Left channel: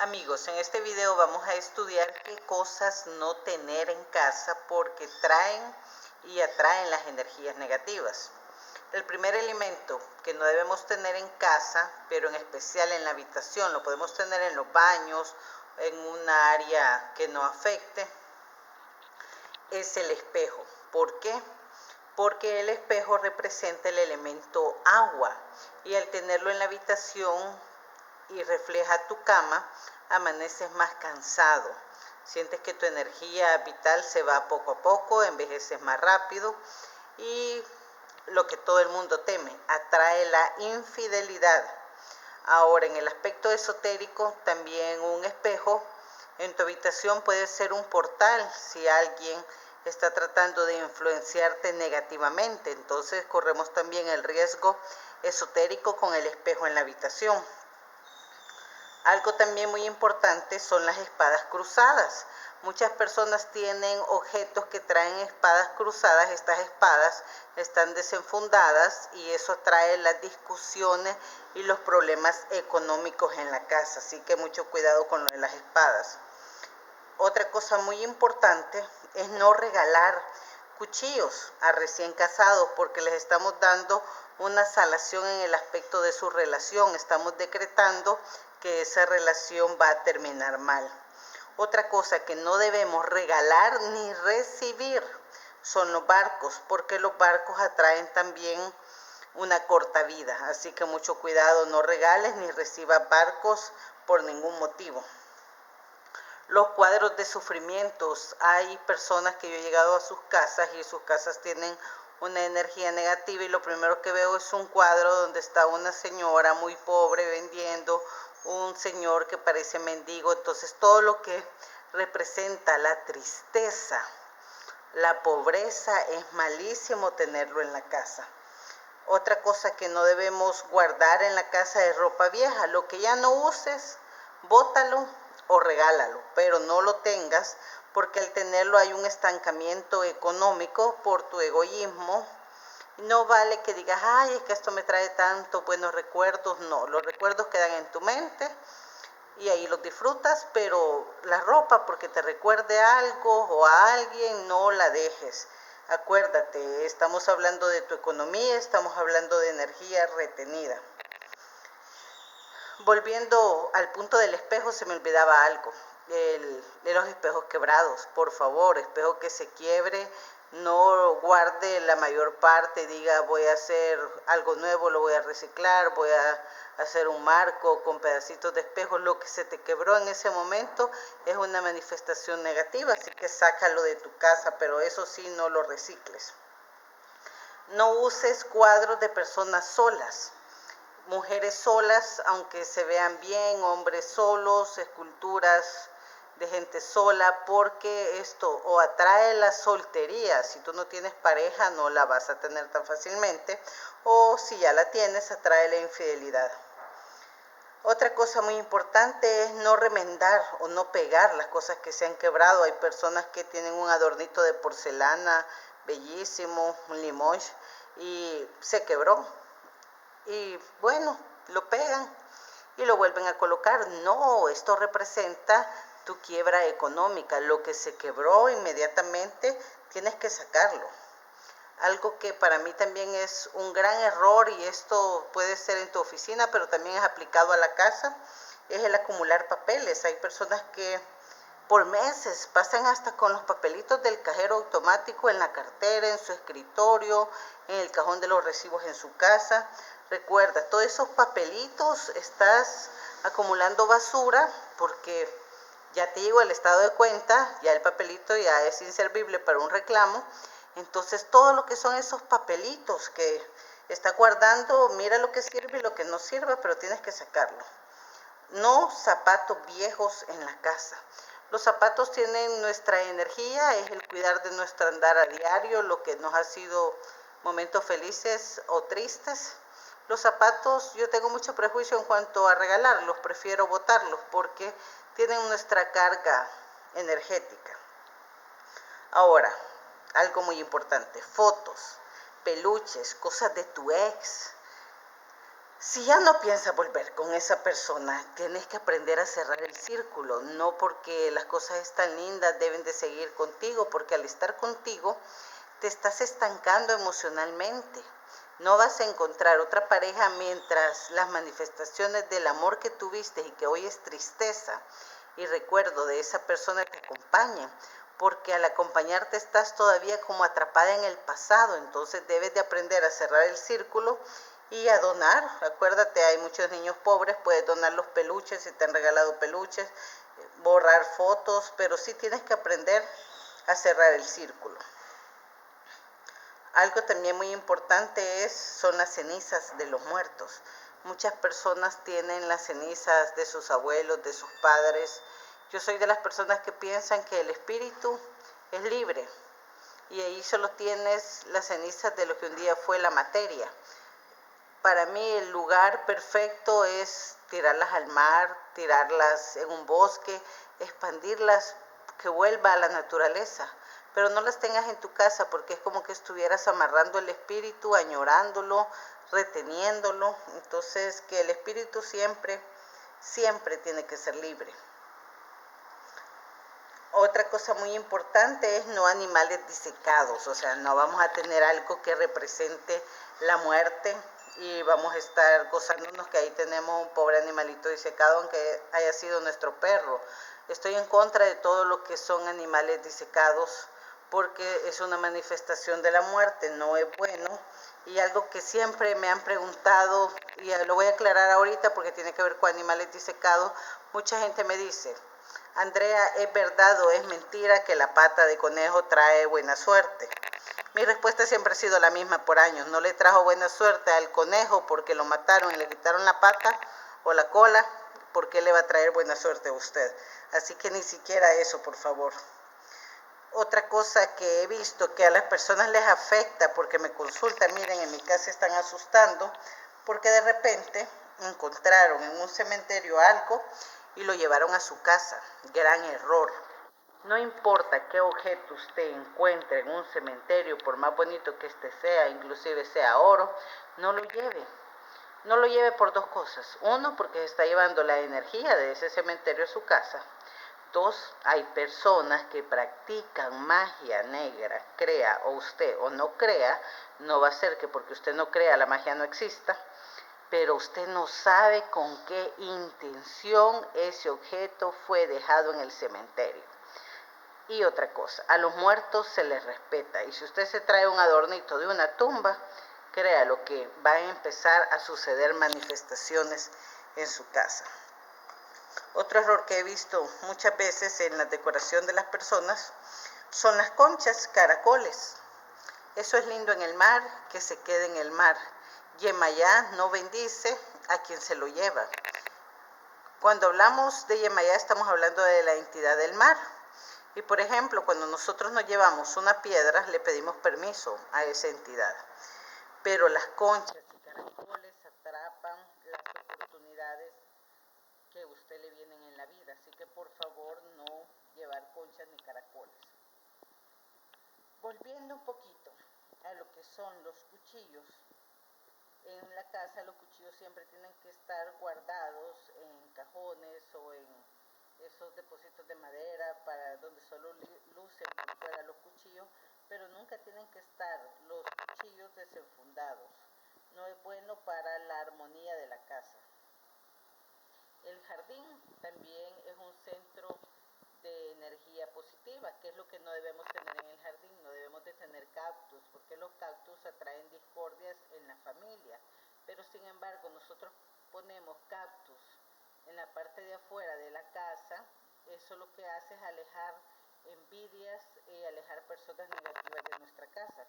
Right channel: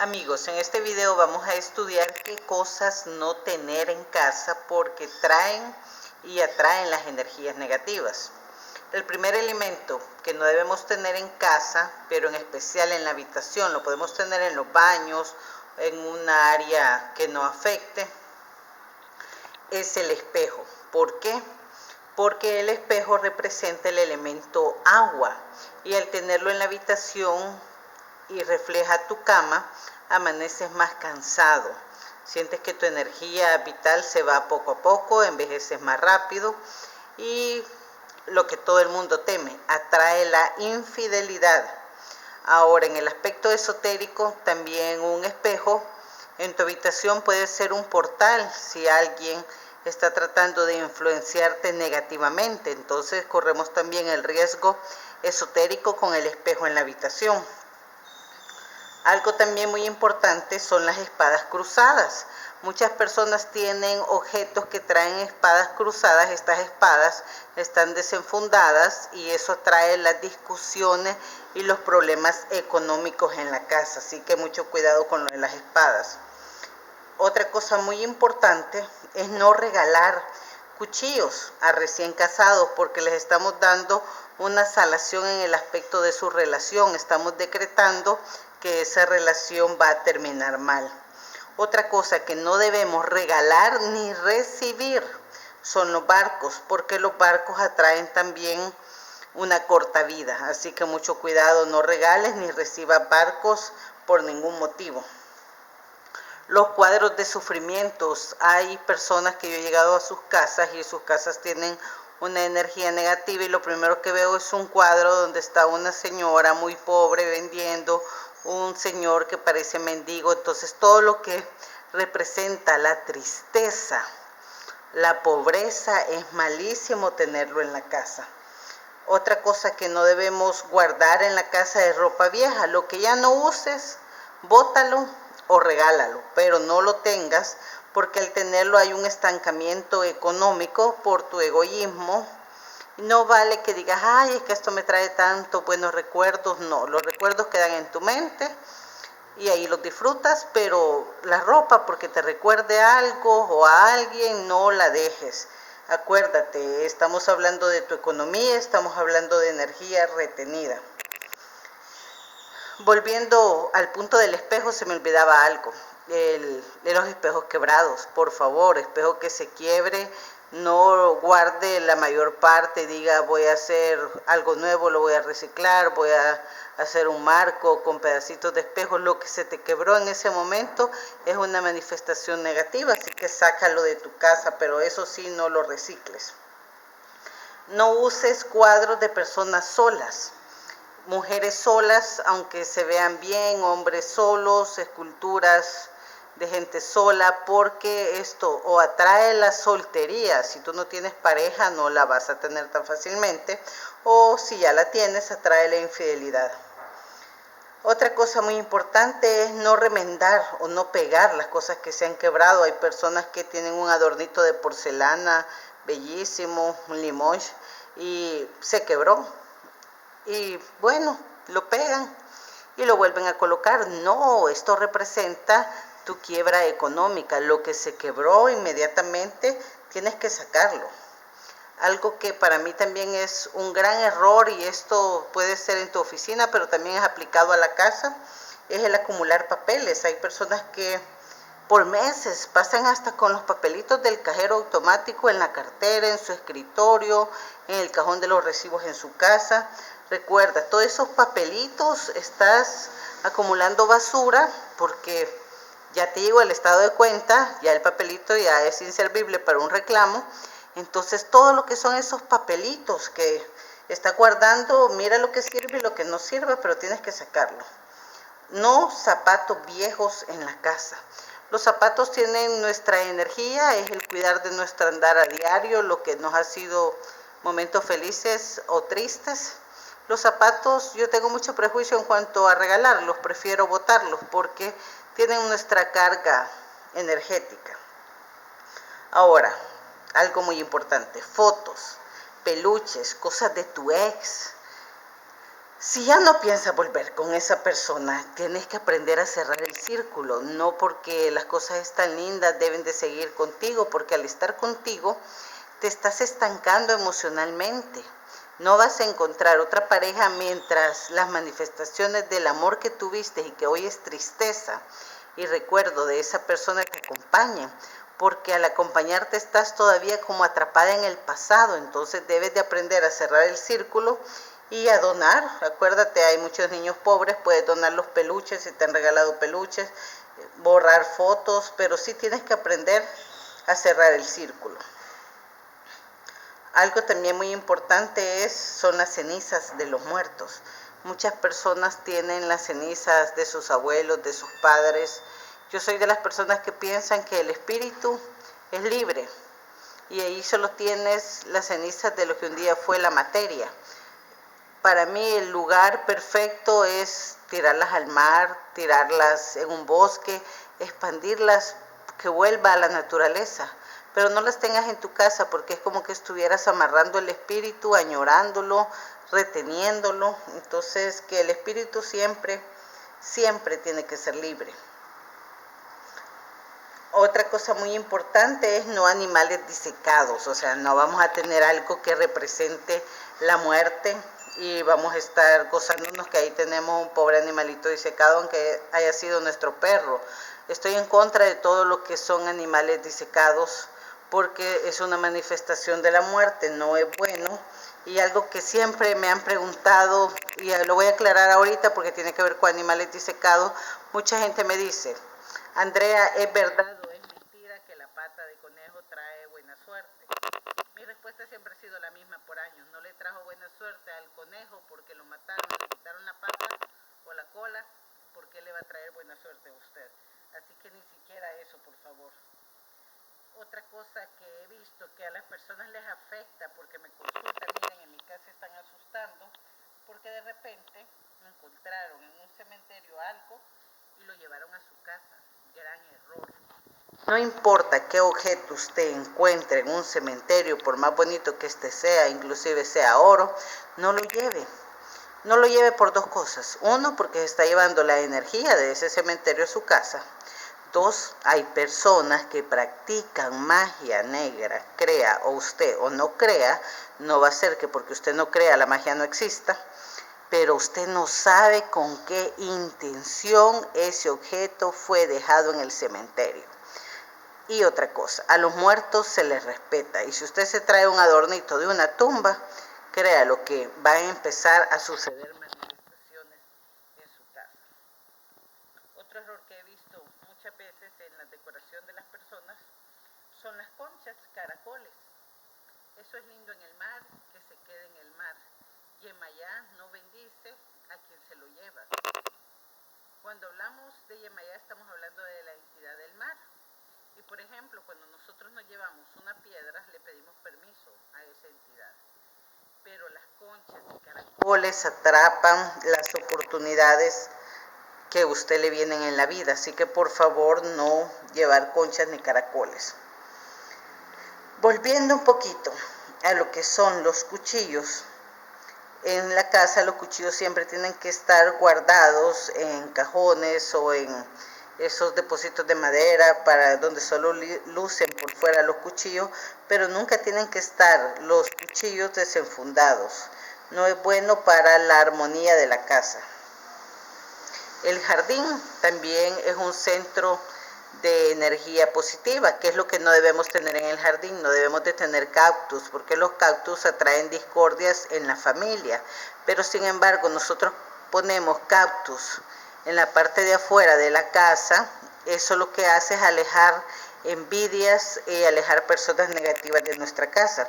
Amigos, en este video vamos a estudiar qué cosas no tener en casa porque traen y atraen las energías negativas. El primer elemento que no debemos tener en casa, pero en especial en la habitación, lo podemos tener en los baños, en una área que no afecte, es el espejo. ¿Por qué? Porque el espejo representa el elemento agua y al tenerlo en la habitación y refleja tu cama, amaneces más cansado, sientes que tu energía vital se va poco a poco, envejeces más rápido y lo que todo el mundo teme, atrae la infidelidad. Ahora, en el aspecto esotérico, también un espejo en tu habitación puede ser un portal si alguien está tratando de influenciarte negativamente. Entonces corremos también el riesgo esotérico con el espejo en la habitación. Algo también muy importante son las espadas cruzadas. Muchas personas tienen objetos que traen espadas cruzadas. Estas espadas están desenfundadas y eso trae las discusiones y los problemas económicos en la casa. Así que mucho cuidado con lo de las espadas. Otra cosa muy importante es no regalar cuchillos a recién casados porque les estamos dando una salación en el aspecto de su relación. Estamos decretando que esa relación va a terminar mal. Otra cosa que no debemos regalar ni recibir son los barcos, porque los barcos atraen también una corta vida. Así que mucho cuidado, no regales ni recibas barcos por ningún motivo. Los cuadros de sufrimientos. Hay personas que yo he llegado a sus casas y sus casas tienen una energía negativa y lo primero que veo es un cuadro donde está una señora muy pobre vendiendo, un señor que parece mendigo. Entonces todo lo que representa la tristeza, la pobreza, es malísimo tenerlo en la casa. Otra cosa que no debemos guardar en la casa es ropa vieja. Lo que ya no uses, bótalo o regálalo, pero no lo tengas porque al tenerlo hay un estancamiento económico por tu egoísmo. No vale que digas, ay, es que esto me trae tantos buenos recuerdos. No, los recuerdos quedan en tu mente y ahí los disfrutas, pero la ropa porque te recuerde a algo o a alguien, no la dejes. Acuérdate, estamos hablando de tu economía, estamos hablando de energía retenida. Volviendo al punto del espejo, se me olvidaba algo, de los espejos quebrados. Por favor, espejo que se quiebre, no guarde la mayor parte, diga voy a hacer algo nuevo, lo voy a reciclar, voy a hacer un marco con pedacitos de espejo. Lo que se te quebró en ese momento es una manifestación negativa, así que sácalo de tu casa, pero eso sí, no lo recicles. No uses cuadros de personas solas. Mujeres solas, aunque se vean bien, hombres solos, esculturas de gente sola, porque esto o atrae la soltería. Si tú no tienes pareja, no la vas a tener tan fácilmente, o si ya la tienes, atrae la infidelidad. Otra cosa muy importante es no remendar o no pegar las cosas que se han quebrado. Hay personas que tienen un adornito de porcelana bellísimo, un limoges, y se quebró. Y bueno, lo pegan y lo vuelven a colocar. No, esto representa tu quiebra económica. Lo que se quebró inmediatamente tienes que sacarlo. Algo que para mí también es un gran error, y esto puede ser en tu oficina, pero también es aplicado a la casa, es el acumular papeles. Hay personas que por meses pasan hasta con los papelitos del cajero automático en la cartera, en su escritorio, en el cajón de los recibos en su casa. Recuerda, todos esos papelitos estás acumulando basura porque ya te llegó el estado de cuenta, ya el papelito ya es inservible para un reclamo. Entonces todo lo que son esos papelitos que está guardando, mira lo que sirve y lo que no sirve, pero tienes que sacarlo. No zapatos viejos en la casa. Los zapatos tienen nuestra energía, es el cuidar de nuestro andar a diario, lo que nos ha sido momentos felices o tristes. Los zapatos, yo tengo mucho prejuicio en cuanto a regalarlos, prefiero botarlos porque tienen nuestra carga energética. Ahora, algo muy importante, fotos, peluches, cosas de tu ex. Si ya no piensas volver con esa persona, tienes que aprender a cerrar el círculo, no porque las cosas están lindas deben de seguir contigo, porque al estar contigo te estás estancando emocionalmente. No vas a encontrar otra pareja mientras las manifestaciones del amor que tuviste y que hoy es tristeza y recuerdo de esa persona te acompañen, porque al acompañarte estás todavía como atrapada en el pasado, entonces debes de aprender a cerrar el círculo y a donar. Acuérdate, hay muchos niños pobres, puedes donar los peluches si te han regalado peluches, borrar fotos, pero sí tienes que aprender a cerrar el círculo. Algo también muy importante son las cenizas de los muertos. Muchas personas tienen las cenizas de sus abuelos, de sus padres. Yo soy de las personas que piensan que el espíritu es libre y ahí solo tienes las cenizas de lo que un día fue la materia. Para mí el lugar perfecto es tirarlas al mar, tirarlas en un bosque, expandirlas, que vuelva a la naturaleza. Pero no las tengas en tu casa porque es como que estuvieras amarrando el espíritu, añorándolo, reteniéndolo. Entonces, que el espíritu siempre, siempre tiene que ser libre. Otra cosa muy importante es no animales disecados, o sea, no vamos a tener algo que represente la muerte y vamos a estar gozándonos que ahí tenemos un pobre animalito disecado, aunque haya sido nuestro perro. Estoy en contra de todo lo que son animales disecados porque es una manifestación de la muerte, no es bueno. Y algo que siempre me han preguntado, y lo voy a aclarar ahorita porque tiene que ver con animales disecados, mucha gente me dice: Andrea, ¿es verdad o es mentira que la pata de conejo trae buena suerte? Mi respuesta siempre ha sido la misma por años. No le trajo buena suerte al conejo porque lo mataron y le quitaron la pata o la cola. ¿Por qué le va a traer buena suerte a usted? Así que ni siquiera eso, por favor. Otra cosa que he visto que a las personas les afecta porque me consultan, miren, en mi casa están asustando porque de repente encontraron en un cementerio algo y lo llevaron a su casa. Gran error. No importa qué objeto usted encuentre en un cementerio, por más bonito que este sea, inclusive sea oro, no lo lleve. No lo lleve por dos cosas. Uno, porque se está llevando la energía de ese cementerio a su casa. Dos, hay personas que practican magia negra, crea o usted o no crea, no va a ser que porque usted no crea la magia no exista, pero usted no sabe con qué intención ese objeto fue dejado en el cementerio. Y otra cosa, a los muertos se les respeta, y si usted se trae un adornito de una tumba, créalo que va a empezar a suceder manifestaciones en su casa. Otro error que he visto muchas veces en la decoración de las personas son las conchas, caracoles. Eso es lindo en el mar, que se quede en el mar. Yemayá no bendice a quien se lo lleva. Cuando hablamos de Yemayá estamos hablando de la entidad del mar. Y por ejemplo, cuando nosotros nos llevamos una piedra, le pedimos permiso a esa entidad. Pero las conchas y caracoles atrapan las oportunidades que a usted le vienen en la vida. Así que por favor no llevar conchas ni caracoles. Volviendo un poquito a lo que son los cuchillos. En la casa los cuchillos siempre tienen que estar guardados en cajones o en esos depósitos de madera para donde solo lucen por fuera los cuchillos, pero nunca tienen que estar los cuchillos desenfundados. No es bueno para la armonía de la casa. El jardín también es un centro de energía positiva, que es lo que no debemos tener en el jardín. No debemos de tener cactus, porque los cactus atraen discordias en la familia, pero sin embargo nosotros ponemos cactus en la parte de afuera de la casa. Eso lo que hace es alejar envidias y alejar personas negativas de nuestra casa.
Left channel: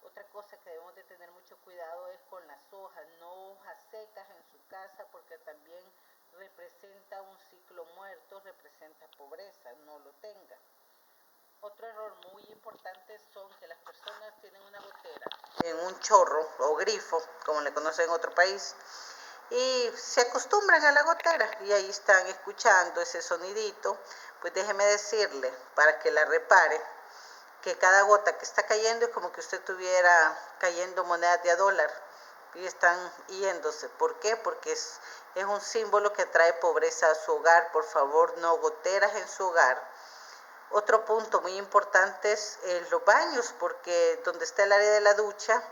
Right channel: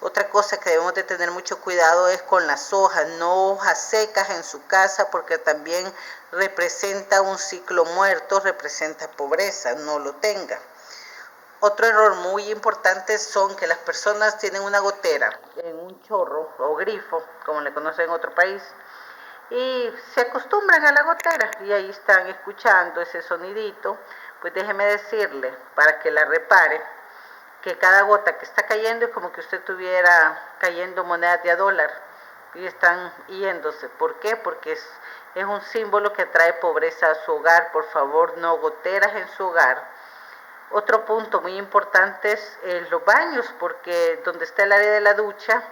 Otra cosa que debemos de tener mucho cuidado es con las hojas, no hojas secas en su casa, porque también representa un ciclo muerto, representa pobreza, no lo tenga. Otro error muy importante son que las personas tienen una gotera en un chorro o grifo, como le conocen en otro país, y se acostumbran a la gotera y ahí están escuchando ese sonidito. Pues déjeme decirle, para que la repare, que cada gota que está cayendo es como que usted estuviera cayendo monedas de $1, y están yéndose. ¿Por qué? Porque es un símbolo que trae pobreza a su hogar. Por favor, no goteras en su hogar. Otro punto muy importante es los baños, porque donde está el área de la ducha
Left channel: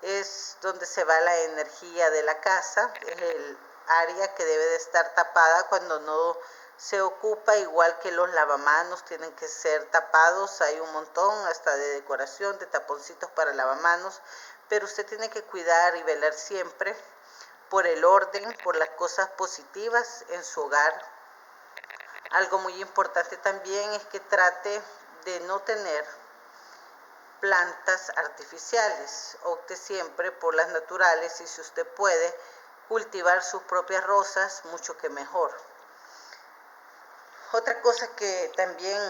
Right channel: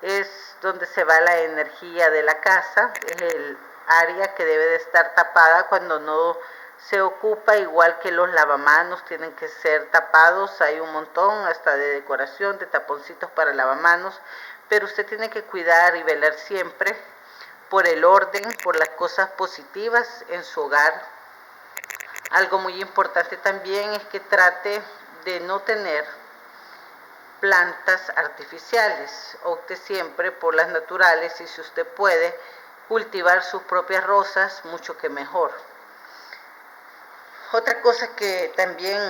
es donde se va la energía de la casa, es el área que debe de estar tapada cuando no se ocupa, igual que los lavamanos tienen que ser tapados, hay un montón hasta de decoración, de taponcitos para lavamanos, pero usted tiene que cuidar y velar siempre por el orden, por las cosas positivas en su hogar. Algo muy importante también es que trate de no tener plantas artificiales. Opte siempre por las naturales y si usted puede cultivar sus propias rosas, mucho que mejor. Otra cosa que también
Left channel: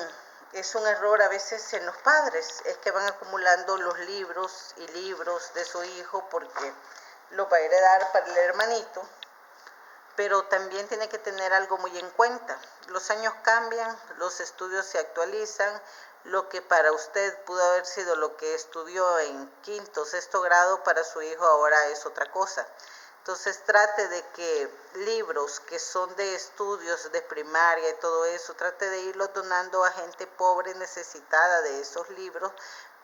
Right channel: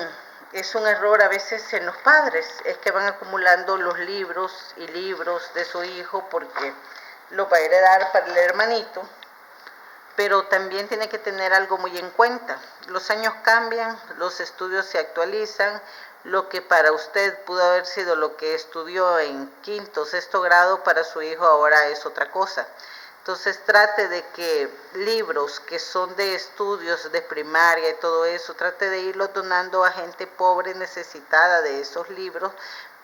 es un error a veces en los padres es que van acumulando los libros y libros de su hijo porque los va a heredar para el hermanito, pero también tiene que tener algo muy en cuenta. Los años cambian, los estudios se actualizan, lo que para usted pudo haber sido lo que estudió en quinto, sexto grado, para su hijo ahora es otra cosa. Entonces trate de que libros que son de estudios de primaria y todo eso, trate de irlos donando a gente pobre necesitada de esos libros,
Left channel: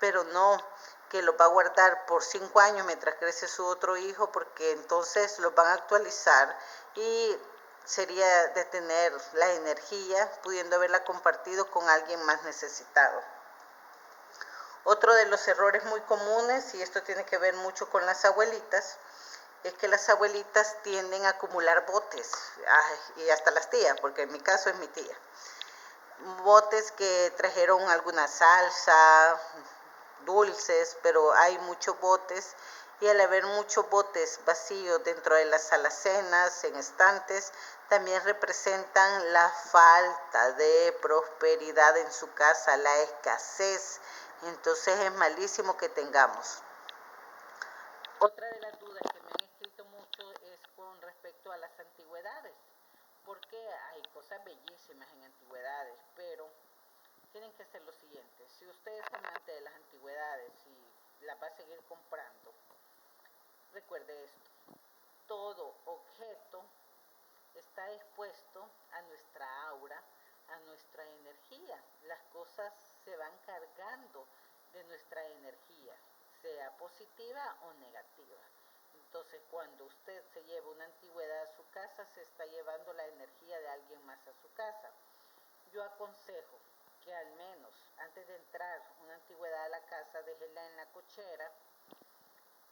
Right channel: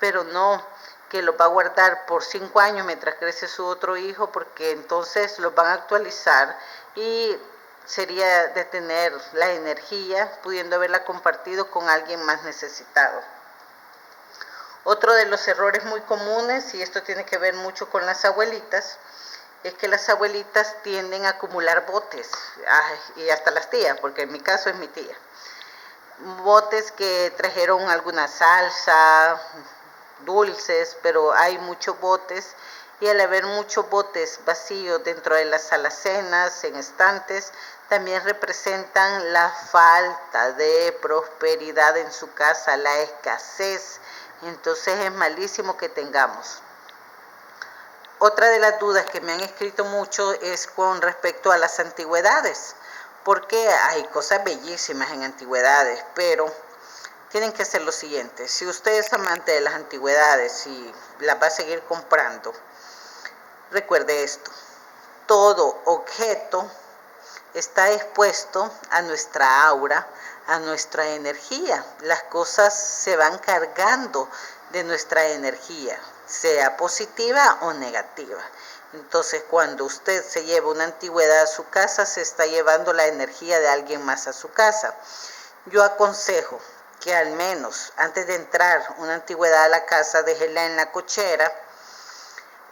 pero no que los va a guardar por 5 años mientras crece su otro hijo, porque entonces los van a actualizar y sería de tener la energía pudiendo haberla compartido con alguien más necesitado. Otro de los errores muy comunes, y esto tiene que ver mucho con las abuelitas, es que las abuelitas tienden a acumular botes, y hasta las tías, porque en mi caso es mi tía. Botes que trajeron alguna salsa, dulces, pero hay muchos botes y al haber muchos botes vacíos dentro de las alacenas, en estantes, también representan la falta de prosperidad en su casa, la escasez. Entonces es malísimo que tengamos. Otra de las dudas que me han escrito mucho es con respecto a las antigüedades, porque hay cosas bellísimas en antigüedades, pero tienen que hacer lo siguiente. Si usted es amante de las antigüedades y las va a seguir comprando, recuerde esto: todo objeto está expuesto a nuestra aura, a nuestra energía. Las cosas se van cargando de nuestra energía, sea positiva o negativa. Entonces, cuando usted se lleva una antigüedad a su casa, se está llevando la energía de alguien más a su casa. Yo aconsejo que al menos antes de entrar una antigüedad a la casa, déjela en la cochera,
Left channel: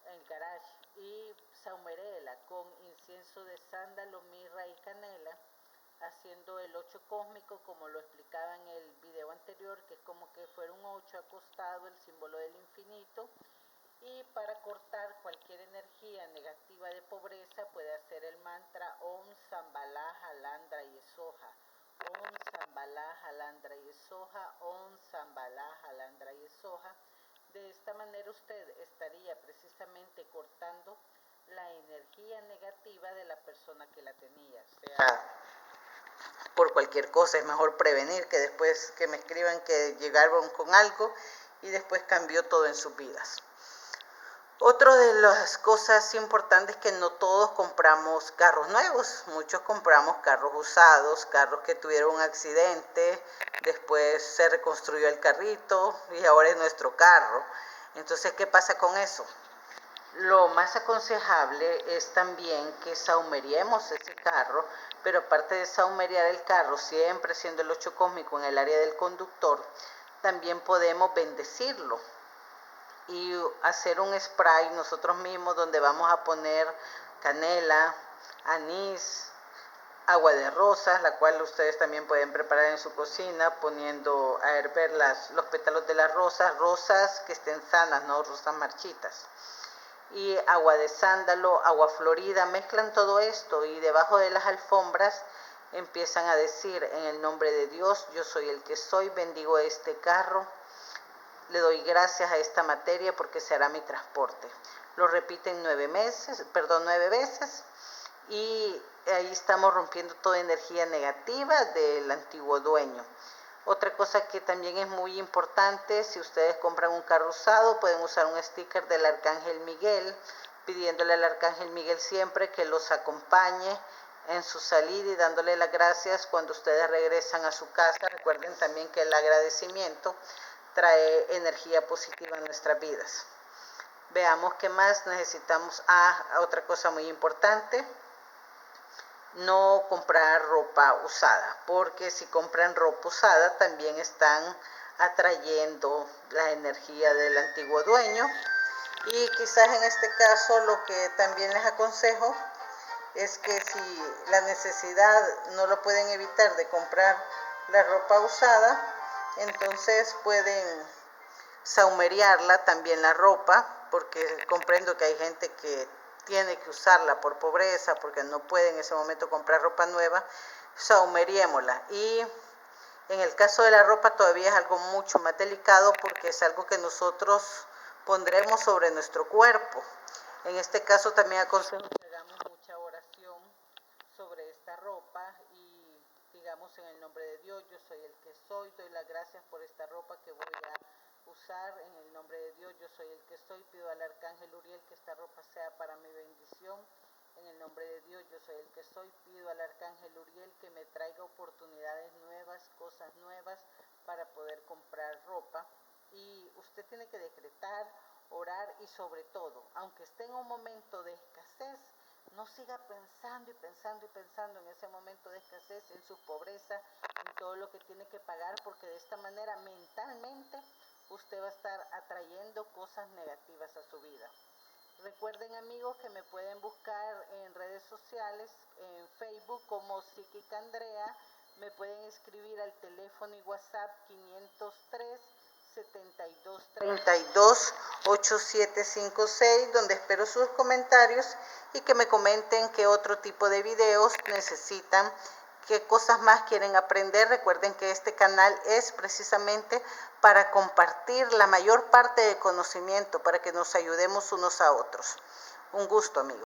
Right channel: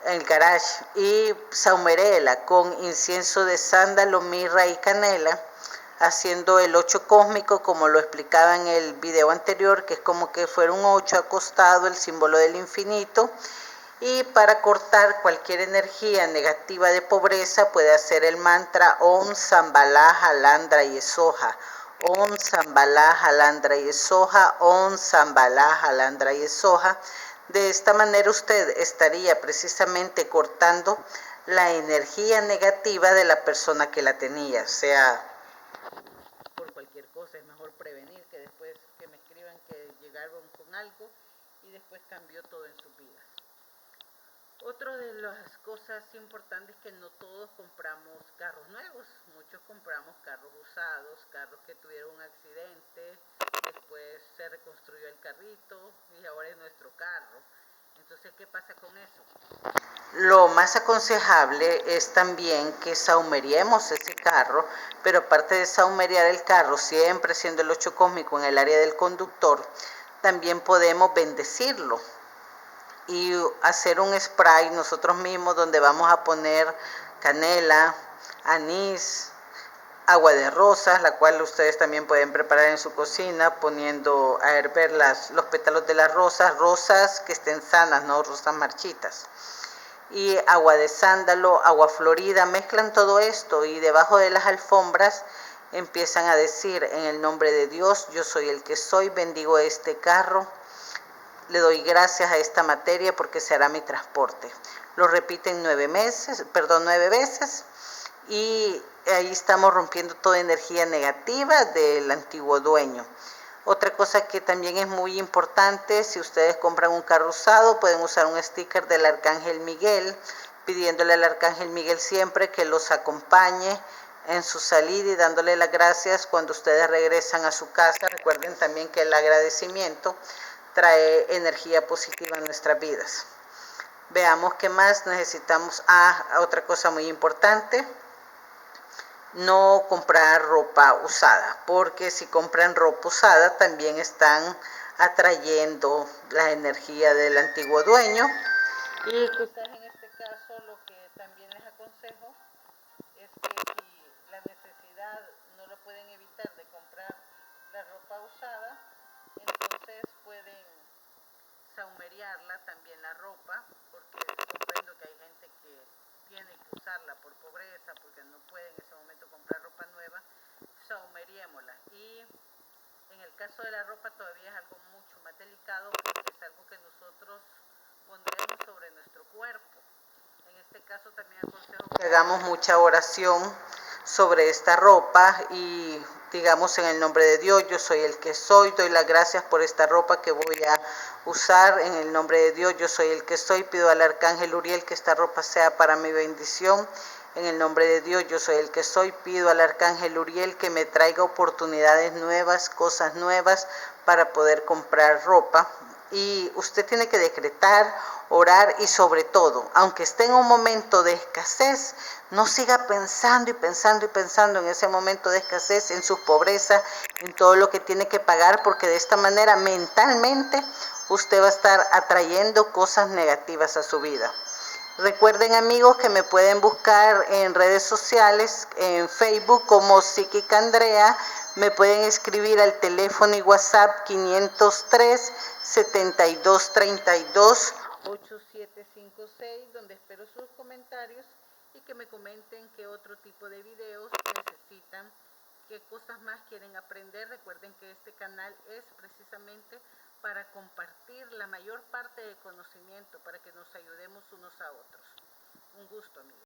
en el garage, y saumerela con incienso de sándalo, mirra y canela, haciendo el 8 cósmico como lo explicaba en el video anterior, que es como que fuera un 8 acostado, el símbolo del infinito. Y para cortar cualquier energía negativa de pobreza puede hacer el mantra Om Shambhala Halandra Yesoha, Om Shambhala Halandra Yesoha, Om Shambhala Halandra Yesoha. De esta manera usted estaría precisamente cortando la energía negativa de la persona que la tenía, sea por cualquier cosa. Es mejor prevenir que después que me escriban que llegaron con algo y después cambió todo en sus vidas. Otra de las cosas importantes es que no todos compramos carros nuevos, muchos compramos carros usados, carros que tuvieron un accidente, después se reconstruyó el carrito y ahora es nuestro carro. Entonces, ¿qué pasa con eso? Lo más aconsejable es también que saumeriemos ese carro, pero aparte de saumeriar el carro, siempre siendo el 8 cósmico en el área del conductor, también podemos bendecirlo y hacer un spray nosotros mismos donde vamos a poner canela, anís, agua de rosas, la cual ustedes también pueden preparar en su cocina poniendo a hervir los pétalos de las rosas, rosas que estén sanas, no rosas marchitas, y agua de sándalo, agua florida. Mezclan todo esto y debajo de las alfombras empiezan a decir: en el nombre de Dios, yo soy el que soy, bendigo este carro, le doy gracias a esta materia porque será mi transporte. Lo repiten 9 veces y ahí estamos rompiendo toda energía negativa del antiguo dueño. Otra cosa que también es muy importante: si ustedes compran un carro usado, pueden usar un sticker del Arcángel Miguel, pidiéndole al Arcángel Miguel siempre que los acompañe en su salida y dándole las gracias cuando ustedes regresan a su casa. Recuerden también que el agradecimiento trae energía positiva en nuestras vidas. Veamos qué más necesitamos. Otra cosa muy importante, no comprar ropa usada, porque si compran ropa usada también están atrayendo la energía del antiguo dueño. Y quizás en este caso lo que también les aconsejo es que si la necesidad no lo pueden evitar de comprar la ropa usada, entonces pueden saumeriarla también la ropa, porque comprendo que hay gente que tiene que usarla por pobreza, porque no puede en ese momento comprar ropa nueva. Saumeriémosla. Y en el caso de la ropa todavía es algo mucho más delicado, porque es algo que nosotros pondremos sobre nuestro cuerpo. En este caso también aconsejo que hagamos mucha oración sobre esta ropa y digamos en el nombre de Dios, yo soy el que soy, doy las gracias por esta ropa que voy a usar, en el nombre de Dios, yo soy el que soy, pido al Arcángel Uriel que esta ropa sea para mi bendición. En el nombre de Dios, yo soy el que soy, pido al Arcángel Uriel que me traiga oportunidades nuevas, cosas nuevas para poder comprar ropa. Y usted tiene que decretar, orar y sobre todo, aunque esté en un momento de escasez, no siga pensando y pensando y pensando en ese momento de escasez, en su pobreza, en todo lo que tiene que pagar, porque de esta manera mentalmente usted va a estar atrayendo cosas negativas a su vida. Recuerden, amigos, que me pueden buscar en redes sociales, en Facebook como Psíquica Andrea. Me pueden escribir al teléfono y WhatsApp 503 7232 8756, donde espero sus comentarios y que me comenten qué otro tipo de videos necesitan, qué cosas más quieren aprender. Recuerden que este canal es precisamente para compartir la mayor parte de conocimiento, para que nos ayudemos unos a otros. Un gusto, amigos.